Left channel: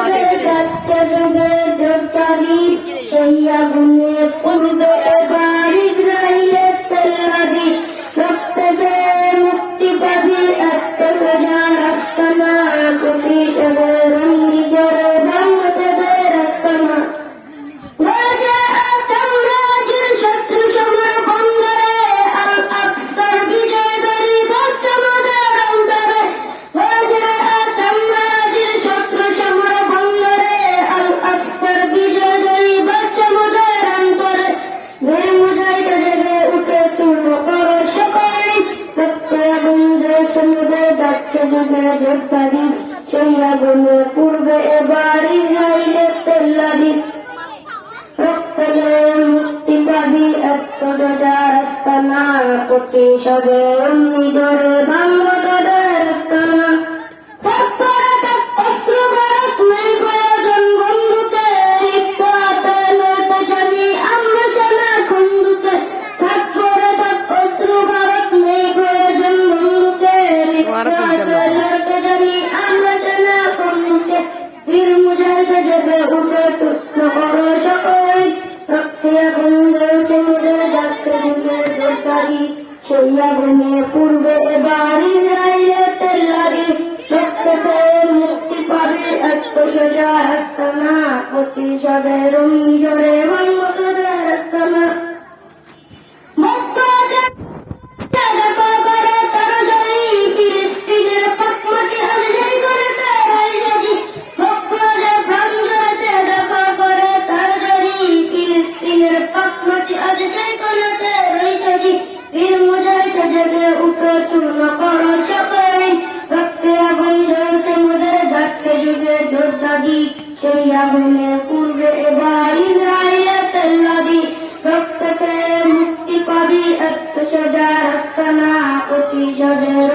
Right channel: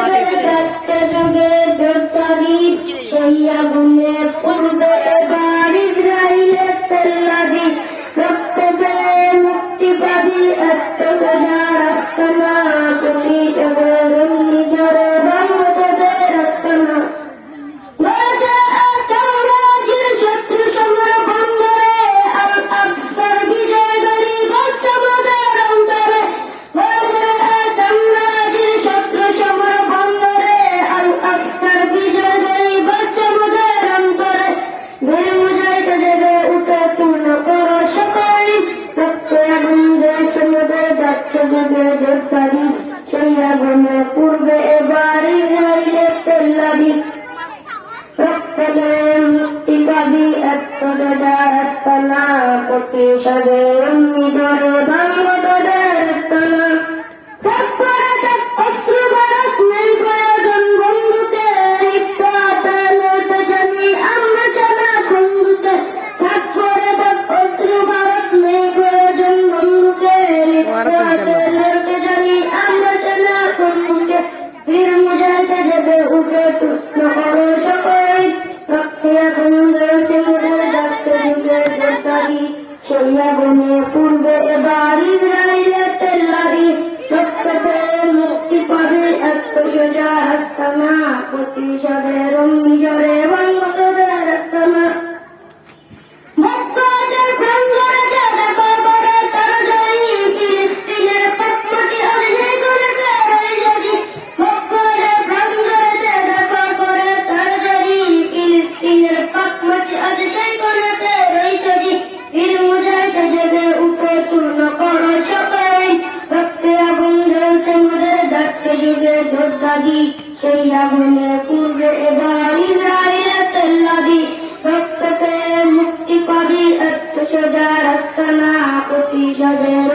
বাতাসে সেই আগুনে পূর্বে সেখানে ধরতারি সেই আগুনে পূর্বে এবারই হারিয়ে তেল্লারি। প্রত্যেকে নিজের যুগে যোদ্ধারি সেই আগুনে পূর্বে এবার ইসরায়েলের তেল্লারি রক্ততে মুক্তি পাবে এত সোজা আস্তানা প্রতিশোধের অঙ্গরে বন্ধুদের চরিত্র চূর্ণ করো সকলে রক্তে আগুন রয়েছে মুদের যাচ্ছে যুগে ঝোরদাগি সেই আগুনে পূর্বে এবার ইসরায়েলের তেল্লাদি রক্ততে মুক্তি পাবি এত সোজা রাস্তা না প্রতিশোধের